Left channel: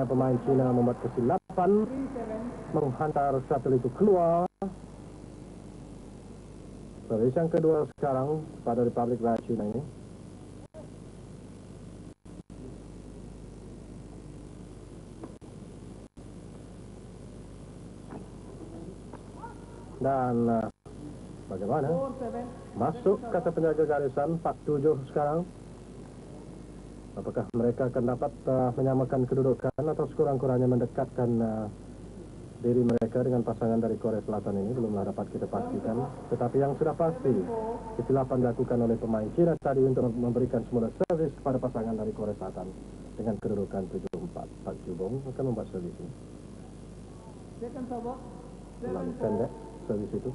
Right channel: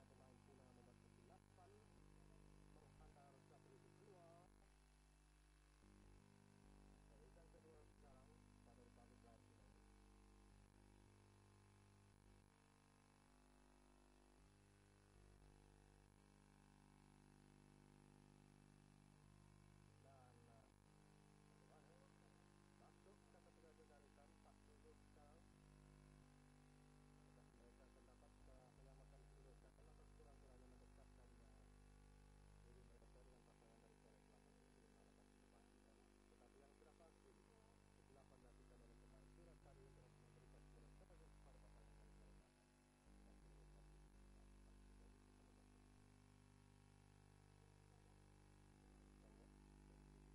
Nampaknya pemain Cina membuat kesilapan menghantar shuttle itu keluar. Servis yang kedua sekarang pada Republik Rakyat Cina ini. Dan bagaimana? Masuk kata penjaga garisan 47 sekarang. Apakah mereka akan dapat menyamakan kedudukan atau sekurang-kurangnya mendekatkan diri mereka dengan pasangan dari Korea Selatan ini? Belumlah dapat kita pastikan. Tetapi yang sudah pasti, kesilapan dilakukan oleh pemain Cina tadi untuk memberikan semula servis kepada pasangan dari Korea Selatan dengan kedudukan 7-4. Pak Jubong akan membuat servis ini. Terlalu pendek servis itu.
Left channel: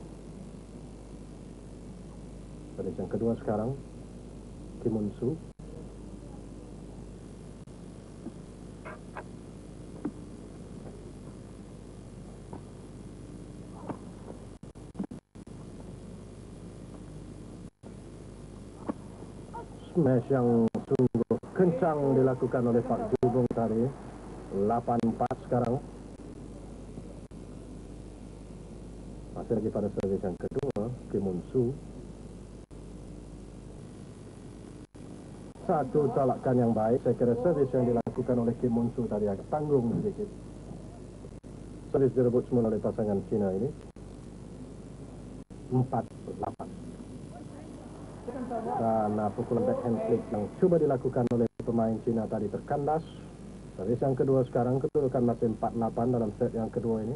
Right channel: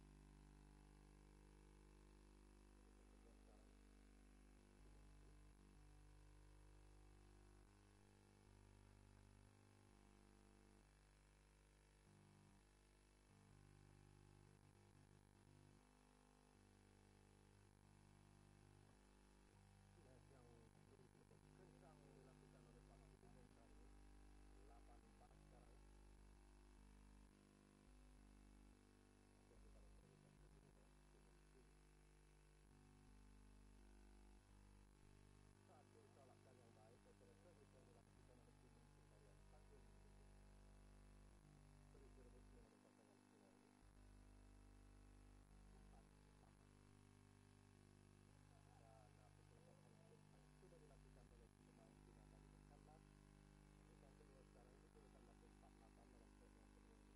Servis yang kedua sekarang, Kim Un-soo. Smash yang sungguh kencang dilakukan oleh Pak Jubong tadi. 8-4 sekarang. Masih lagi pada servis yang kedua, Kim Un-soo. Satu tolakan yang baik. Saya kira servis yang dilakukan oleh Kim Un-soo tadi agak tanggung sedikit. Servis direbut semula oleh pasangan Cina ini. 4-8. Dan pukulan backhand flick yang coba dilakukan oleh pemain Cina tadi terkandas. Servis yang kedua sekarang, kedudukan masih 4-8 dalam set yang kedua ini.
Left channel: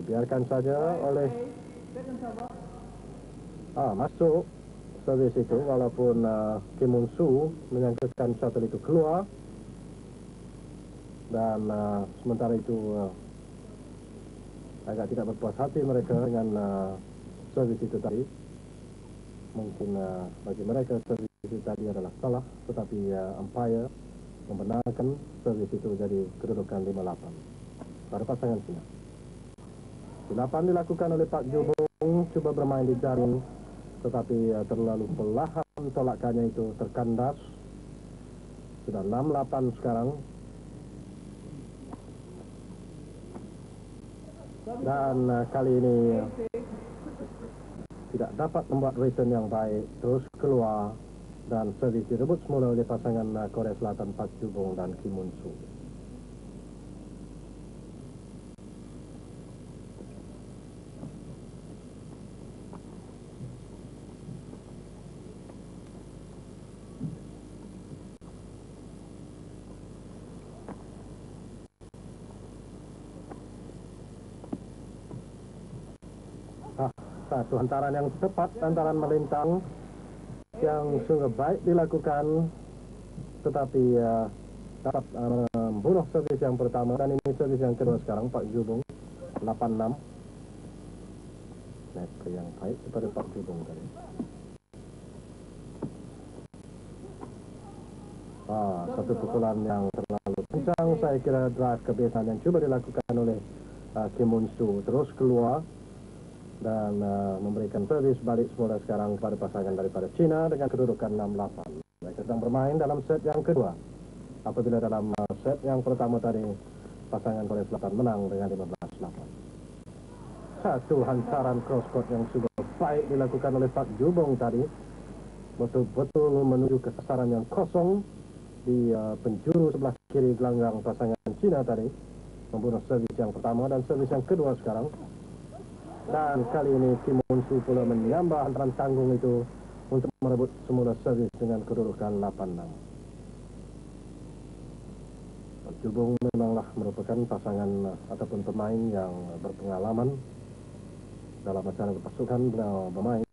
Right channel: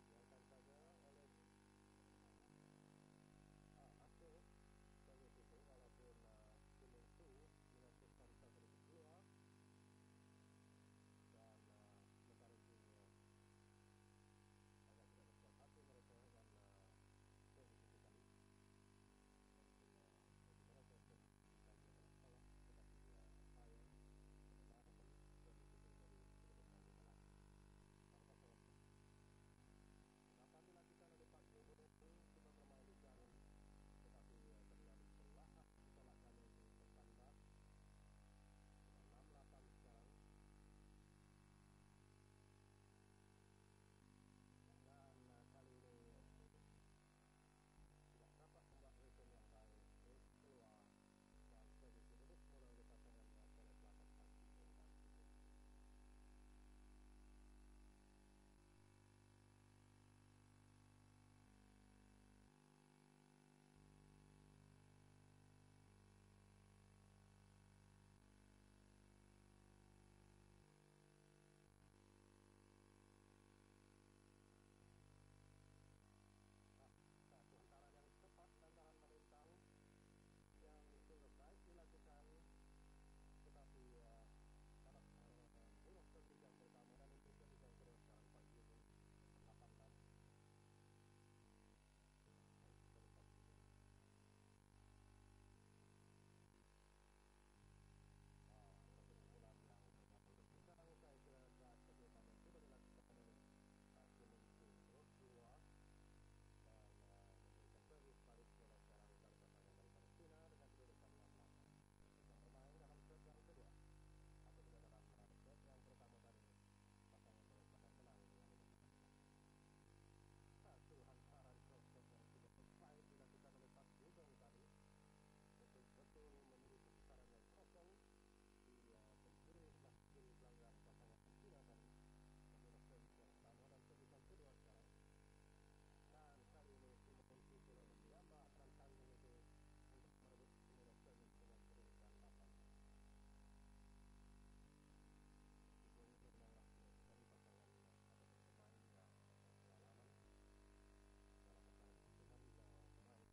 Dibiarkan saja oleh masuk servis itu, walaupun Kim Un-soo menyangkakan shuttle itu keluar. Dan sementara itu agak tidak berpuas hati mereka dengan servis itu tadi. Mungkin bagi mereka servis itu tadi adalah salah, tetapi umpire membenarkan servis itu jadi kedudukan 5-8 pada pasangan Cina. Kesilapan dilakukan oleh Pak Jubong, coba bermain di jaring, tetapi terlalu perlahan tolakannya itu terkandas. Sudah 6-8 sekarang. Dan kali ini tidak dapat membuat return yang baik, terus keluar dan servis direbut semula oleh pasangan Korea Selatan Pak Jubong dan Kim Un-soo. Satu hantaran yang tepat, hantaran melintang yang sungguh baik dilakukan, tetapi dapat membunuh servis yang pertama. Dan ini servis yang kedua sekarang, Pak Jubong. 8-6. Net yang baik kepada Pak Jubong tadi. Satu pukulan yang terlalu kencang. Saya kira drive kebiasaan yang coba dilakukan oleh Kim Un-soo terus keluar dan memberikan servis balik semula sekarang kepada pasangan daripada Cina dengan kedudukan 6-8. Mereka sedang bermain dalam set yang kedua. Apabila dalam set yang pertama tadi pasangan Korea Selatan menang dengan 15-8. Satu hantaran cross court yang sudah baik dilakukan oleh Pak Jubong tadi. Betul-betul menuju ke sasaran yang kosong di penjuru sebelah kiri gelanggang pasangan Cina tadi. Membunuh servis yang pertama dan servis yang kedua sekarang. Dan kali ini Kim Un-soo pula menyambah hantaran tanggung itu untuk merebut semula servis dengan kedudukan 8-6. Pak Jubong memanglah merupakan pasangan ataupun pemain yang berpengalaman dalam acara berpasukan. Beliau bermain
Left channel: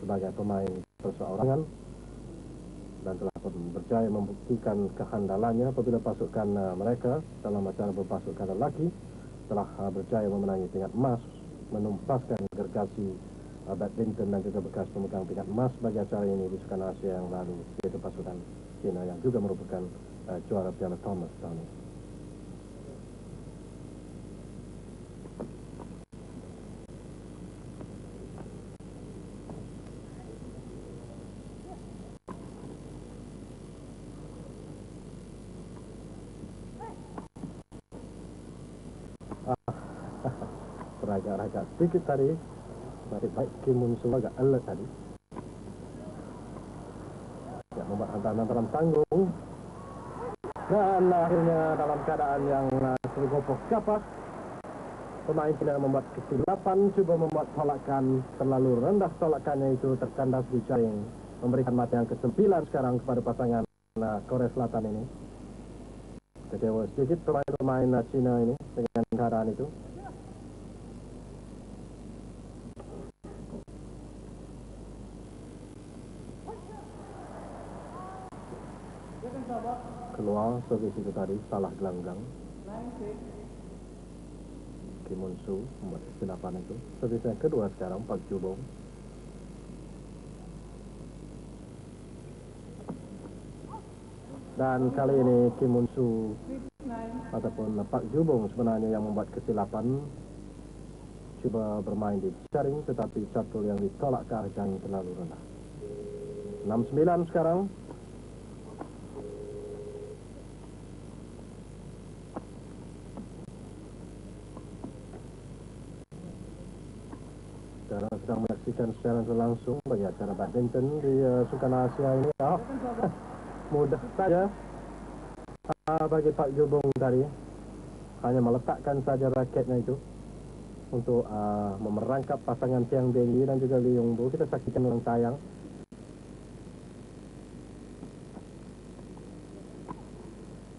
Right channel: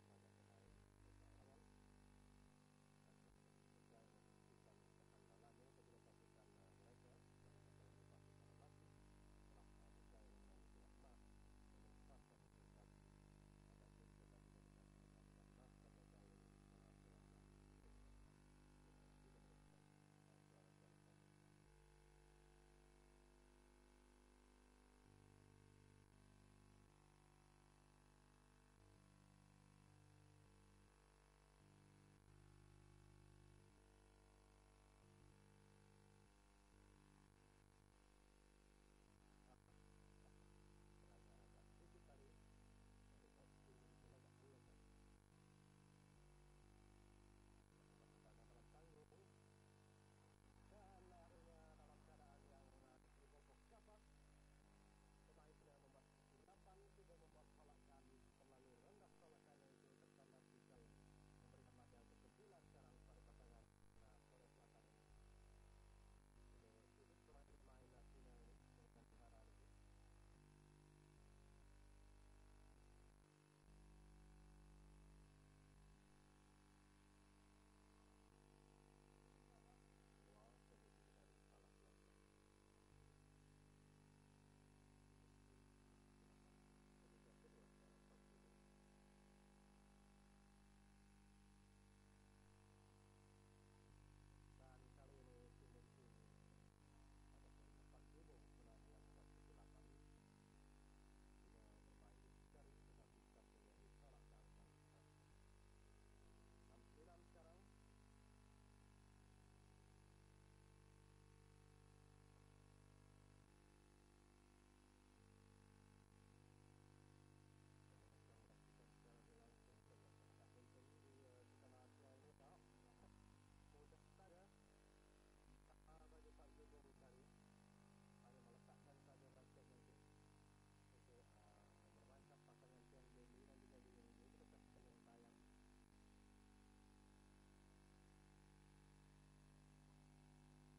sebagai pemain perseorangan dan telah berjaya membuktikan kehandalannya apabila pasukan mereka dalam acara berpasukan lelaki telah berjaya memenangi tingkat emas, menumpaskan gergasi badminton dan juga bekas pemegang tingkat emas bagi acara ini di Sukan Asia yang lalu, yaitu pasukan Cina yang juga merupakan juara Piala Thomas tahun ini. agak sedikit tadi. Baik Kim Mun Soo agak alert tadi. Ya, membuat hantaran dalam tanggung. Dan akhirnya dalam keadaan yang tergopoh kapas, pemain China membuat kesilapan, coba membuat tolakan terlalu rendah, tolakannya itu terkandas di jaring, memberikan mata yang ke-9 sekarang kepada pasangan Korea Selatan ini. Kecewa sedikit pemain China ini dengan keadaan itu. Keluar servis itu tadi, salah gelanggang. Kim Mun Soo membuat kesilapan itu. Servis yang kedua sekarang, Park Ju-bong. Dan kali ini Kim Mun Soo ataupun Park Ju-bong sebenarnya yang membuat kesilapan. Cuba bermain di jaring, tetapi catul yang ditolak ke arah jaring terlalu rendah. 6-9 sekarang. Sekarang sedang menyaksikan secara langsung bagi acara badminton di Sukan Asia ini. Mudah saja bagi Park Ju-bong tadi, hanya meletakkan saja raketnya itu untuk memerangkap pasangan Tian Bingyi dan juga Lee Yong-bo. Kita saksikan dalam tayang.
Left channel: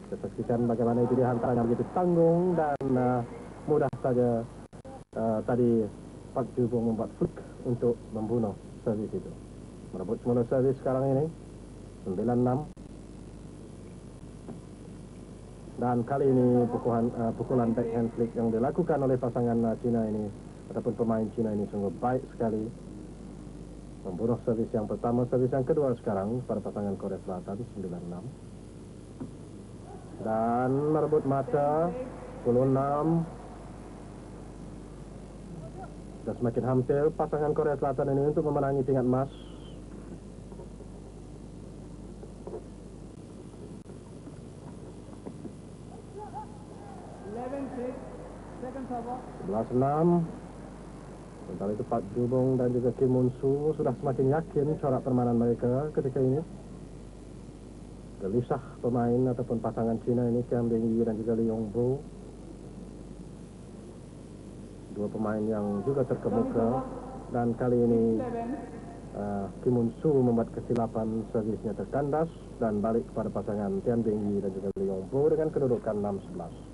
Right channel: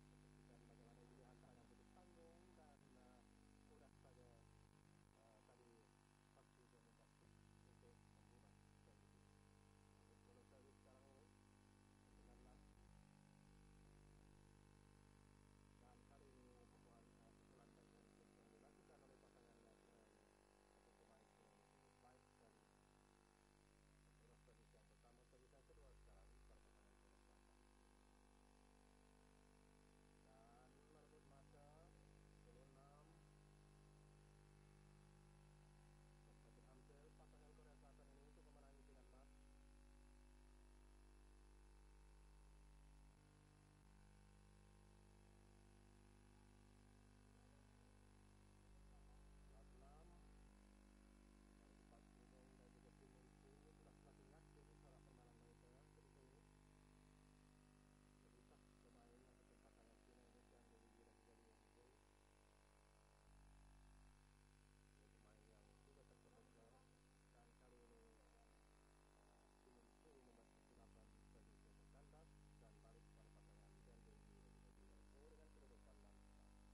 Kita saksikan bagaimana itu dihantarnya begitu tanggung dan mudah saja tadi Park Ju-bong membuat flick untuk membunuh servis itu. Merebut semula servis sekarang ini 9-6. Dan kali ini pukulan backhand flick yang dilakukan oleh pasangan Cina ini ataupun pemain Cina ini sungguh baik sekali. Membunuh servis yang pertama, servis yang kedua sekarang pada pasangan Korea Selatan 9-6. Dan merebut mata 10-6. Sudah semakin hampir pasangan Korea Selatan ini untuk memenangi tingkat emas. Sebelas 6. Sementara itu Park Ju-bong dan juga Kim Mun Soo sudah semakin yakin corak permainan mereka ketika ini. Gelisah pemain ataupun pasangan Cina ini, Tian Bingyi dan juga Lee Yong-bo. Dua pemain yang juga terkemuka. Dan kali ini Kim Mun Soo membuat kesilapan, servisnya terkandas dan balik kepada pasangan Tian Bingyi dan juga Lee Yong-bo dengan kedudukan 6-11.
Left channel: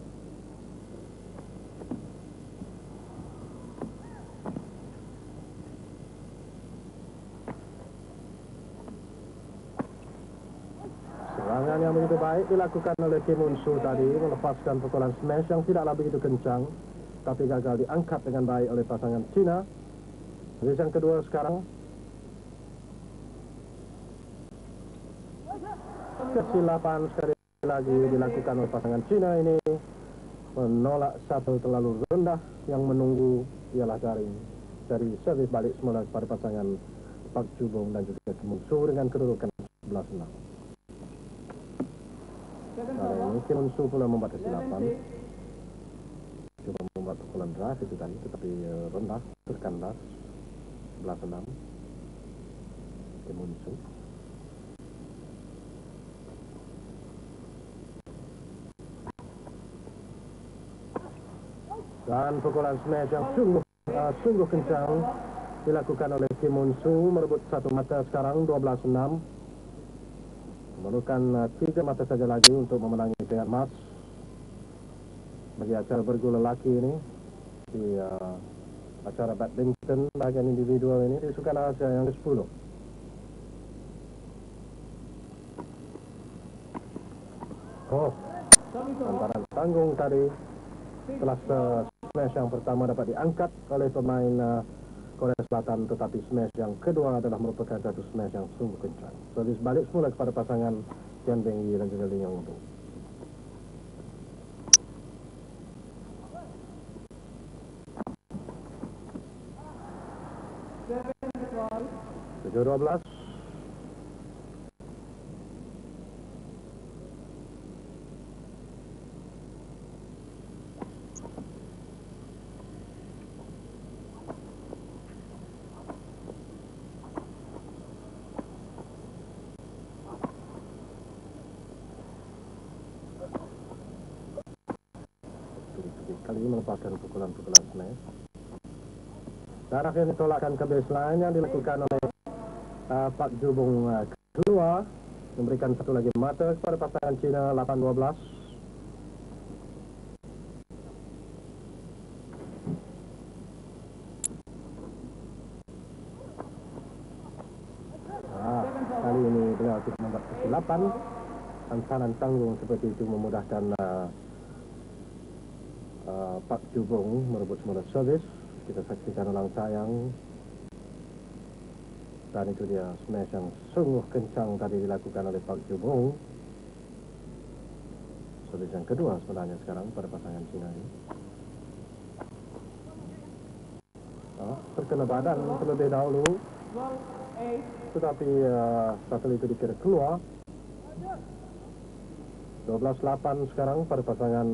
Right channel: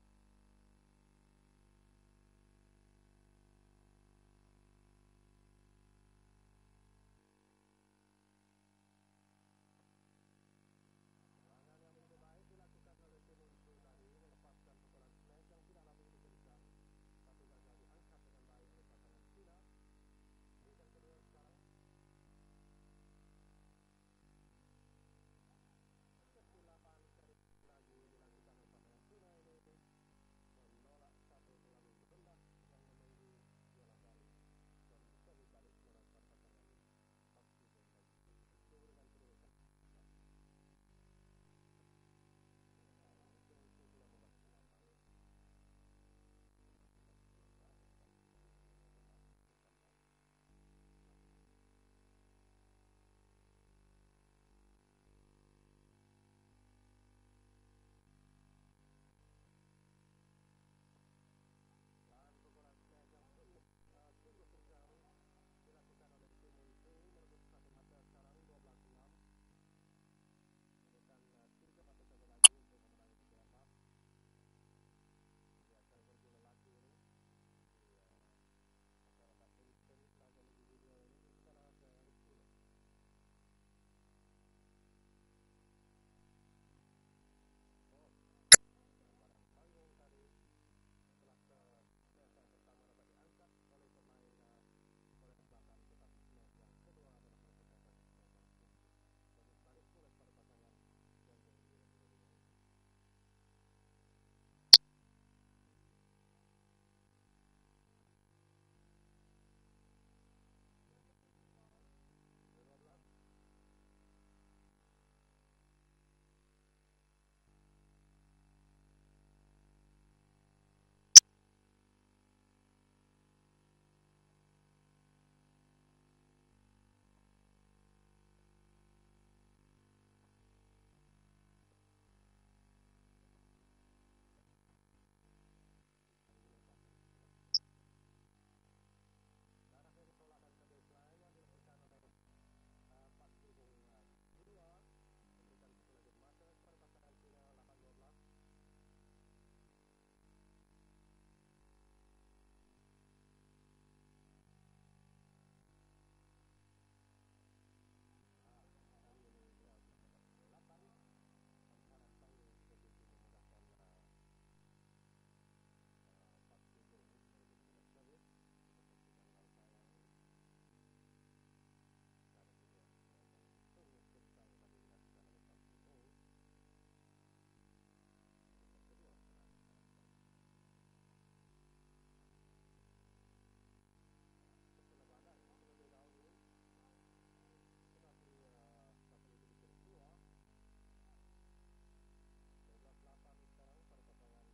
Serangan yang begitu baik dilakukan oleh Kim Mun Soo tadi, melepaskan pukulan smash yang tidaklah begitu kencang, tapi gagal diangkat dengan baik oleh pasangan Cina. Servis yang kedua sekarang. Kesilapan sekali lagi dilakukan oleh pasangan Cina ini, menolak satu terlalu rendah, yang menunggu ialah jaring dari servis balik semula kepada pasangan Park Ju-bong dan juga Kim Mun Soo dengan kedudukan 11-6. Kali ini Kim Mun Soo pula membuat kesilapan, coba membuat pukulan drive itu tadi, tetapi rendah, terkandas. 11-6 Kim Mun Soo. Dan pukulan smash yang sungguh kencang dilakukan oleh Kim Mun Soo, merebut satu mata sekarang 12-6. Memerlukan 3 mata saja lagi untuk memenangi tingkat emas bagi acara bergula lelaki ini di acara badminton bagian individual ini di Sukan Asia yang ke-10. Hantaran tanggung tadi setelah smash yang pertama dapat diangkat oleh pemain Korea Selatan, tetapi smash yang kedua adalah merupakan satu smash yang sungguh kencang. Servis balik semula kepada pasangan Tian Bingyi dan juga Lee Yong-bo. Tujuh 12. kali melepaskan pukulan-pukulan smash. Dan akhirnya ditolakkan ke baseline yang dilakukan oleh Pak Jubung keluar, memberikan satu lagi mata kepada pasangan Cina 8-12. Kali ini beliau tidak membuat kesilapan. Hantaran tanggung seperti itu memudahkan Pak Jubung merebut semula servis. Kita saksikan ulang tayang. Dan itu dia smash yang sungguh kencang tadi dilakukan oleh Pak Jubung. Servis yang kedua sebenarnya sekarang pada pasangan Cina ini. Terkena badan terlebih dahulu. Tetapi shuttle itu dikira keluar. 12-8 sekarang pada pasangan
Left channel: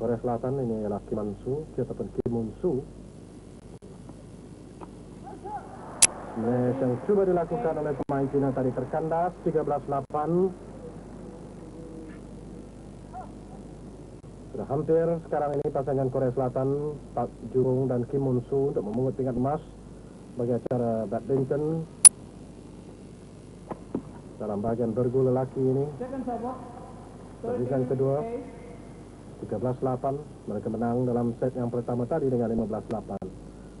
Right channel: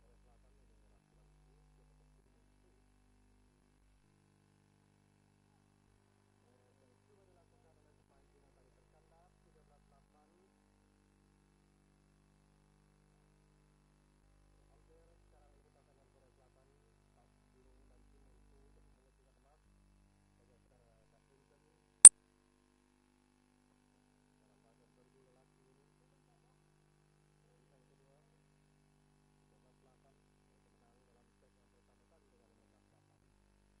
Korea Selatan. Ini ialah Kim Man-soo ataupun Kim Moon-soo. Smash yang coba dilakukan oleh pemain Cina tadi terkandas. 13-8. Sudah hampir sekarang ini pasangan Korea Selatan Pak Jubung dan Kim Moon-soo untuk memungut tingkat emas bagi acara badminton dalam bagian bergu lelaki ini. Servis yang kedua 13-8. Mereka menang dalam set yang pertama tadi dengan 15-8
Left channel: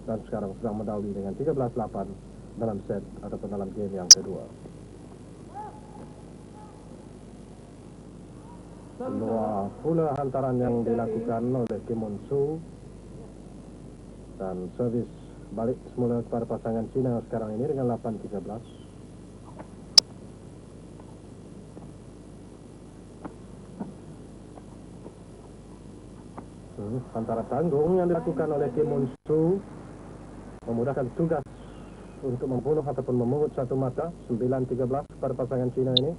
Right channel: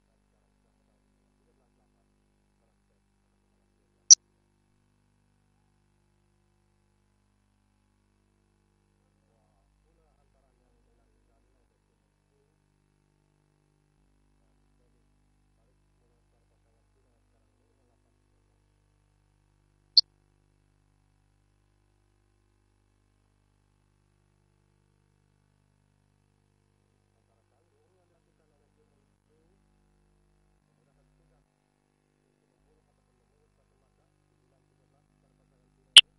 dan sekarang sedang mendahului dengan 13-8 dalam set ataupun dalam game yang kedua. Keluar pula hantaran yang dilakukan oleh Kim Moon-soo dan servis balik semula kepada pasangan Cina sekarang ini dengan 8-13. Antara tanggung yang dilakukan oleh Kim Moon-soo memudahkan tugas untuk membunuh ataupun memungut satu mata. 9-13 pada pasangan Cina ini.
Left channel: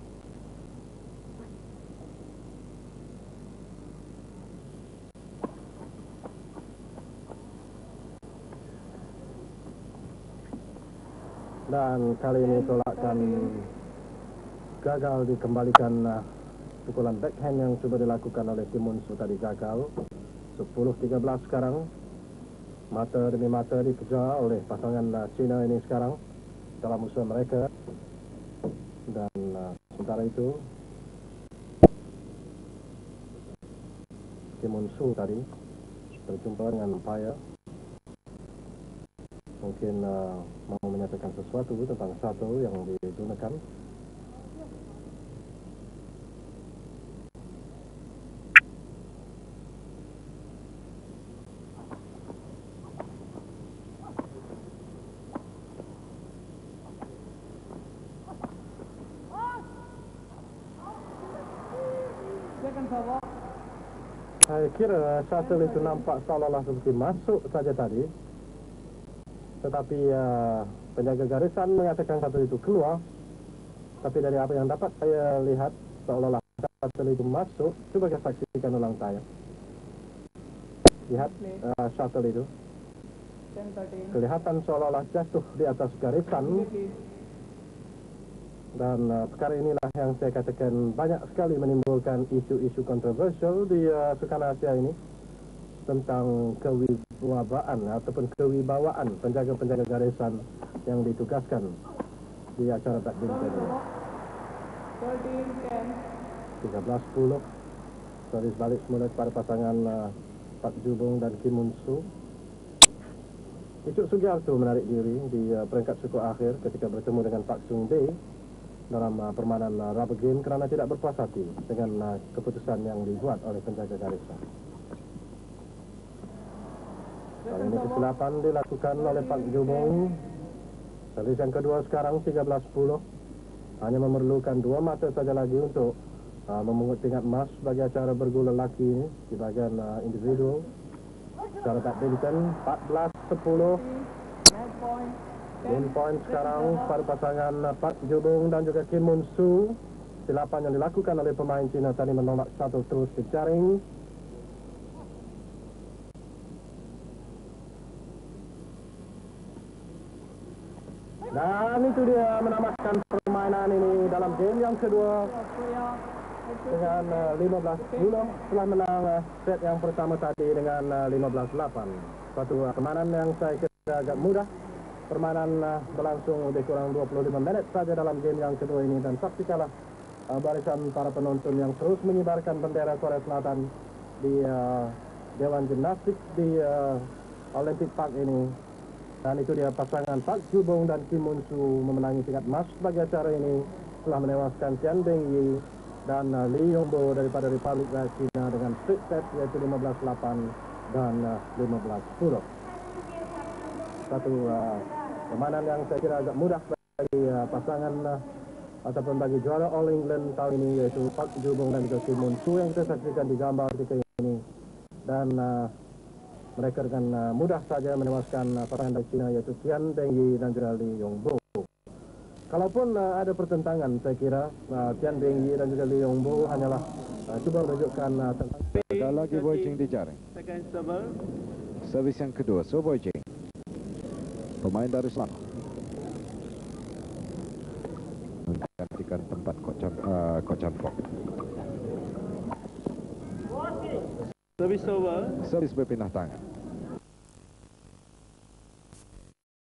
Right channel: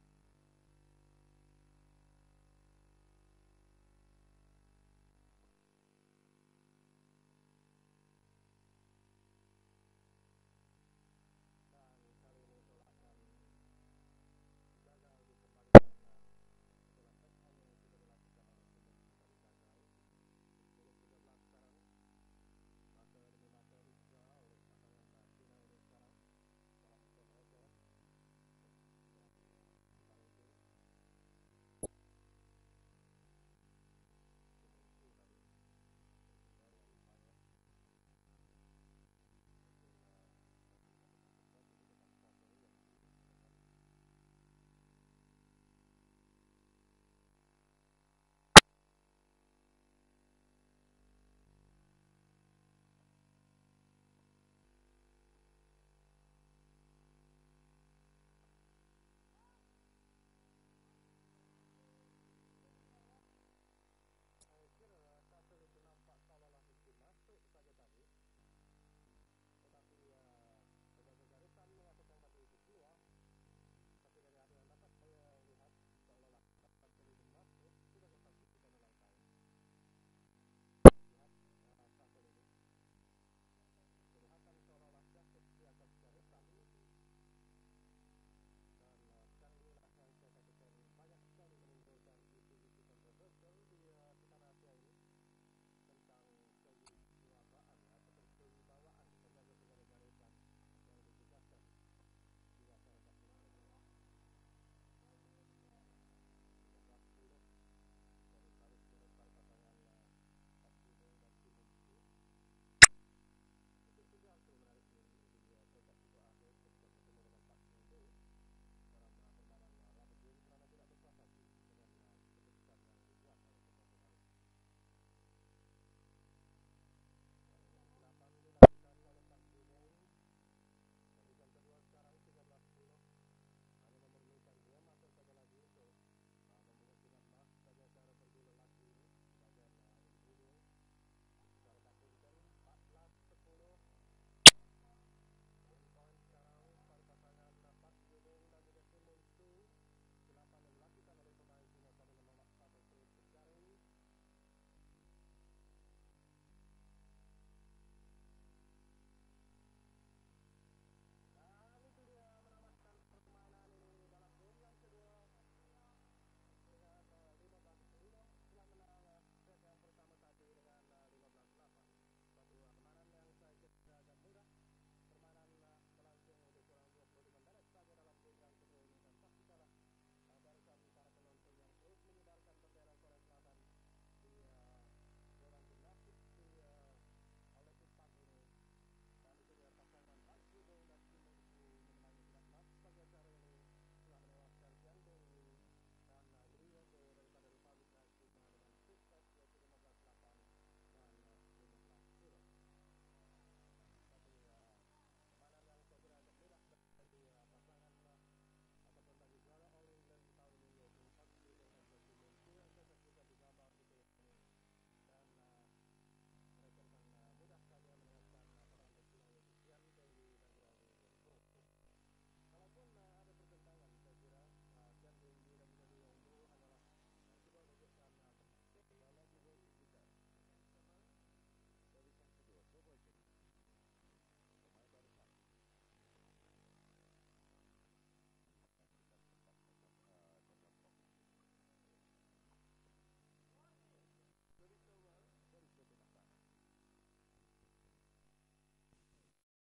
Dan kali ini tolakkan gagal dikembalikan. Pukulan backhand yang coba dilakukan oleh Kim Moon-soo tadi gagal. 10-13 sekarang. Mata demi mata dikejar oleh pasangan Cina ini sekarang dalam usaha mereka. Dan sementara itu Kim Moon-soo tadi berjumpa dengan umpire. Mungkin mau menyatakan sesuatu tentang satu yang digunakan. Saya kira shuttle itu nampak seolah-olah seperti masuk saja tadi. Tetapi penjaga garisan mengatakan shuttle itu keluar. Tapi dari apa yang dapat saya lihat seolah-olah shuttle itu masuk. Coba kita saksikan ulang tayang. Lihat shuttle itu. Kelihatan seolah-olah jatuh di atas garisan. Dan perkara inilah yang saya katakan banyak sekali menimbulkan isu-isu kontroversial di Sukan Asia ini tentang kewibawaan ataupun kewibawaan penjaga-penjaga garisan yang ditugaskan di acara badminton ini. 13-10. Servis balik semula kepada pasangan Pak Jubung dan Kim Moon-soo. Icuk Sugiarto menarik diri di peringkat suku akhir ketika bertemu dengan Pak Sung Bae dalam permainan rubber game kerana tidak berpuas hati dengan keputusan yang dibuat oleh penjaga garisan. Kali ini kesilapan dilakukan oleh Pak Jubung. Servis yang kedua sekarang 13-10. Hanya memerlukan 2 mata saja lagi untuk memungut tingkat emas bagi acara bergu lelaki ini di bagian individual. Secara badminton 14-10. Game point sekarang pada pasangan Pak Jubung dan juga Kim Moon-soo. Silapan yang dilakukan oleh pemain Cina tadi menolak shuttle terus ke jaring. Dan itu dia menamatkan permainan ini dalam game yang kedua. dengan 15-10 setelah menang set yang pertama tadi dengan 15-8. Satu permainan yang saya kira agak mudah. Permainan berlangsung lebih kurang 25 menit saja dalam game yang kedua ini, dan saksikanlah barisan para penonton yang terus mengibarkan bendera Korea Selatan di Dewan Gimnastik di Olympic Park ini. Dan itu dia pasangan Park Ju-bong dan Kim Moon-soo memenangi tingkat emas sebagai acara ini setelah menewaskan Tian Beng-yi dan Lee Yong-bo daripada Republik Rakyat Cina dengan split set yaitu 15-8 dan 15-10. Satu permainan yang saya kira agak mudah bagi pasangan ataupun bagi juara All England tahun ini, yaitu Park Ju-bong dan juga Kim Moon-soo yang kita saksikan di gambar kita ini. Dan mereka dengan mudah saja menewaskan pasangan dari Cina yaitu Tian Beng-yi dan juga Lee Yong-bo. Kalaupun ada pertentangan, saya kira Tian Beng-yi dan juga Lee Yong-bo hanyalah cuba menunjukkan tentang. Ada lagi Boy Jing di jaring. Servis yang kedua, So Boy Jing, pemain dari Selangor, menggantikan tempat Ko Chan Pok. Service over. Servis berpindah tangan.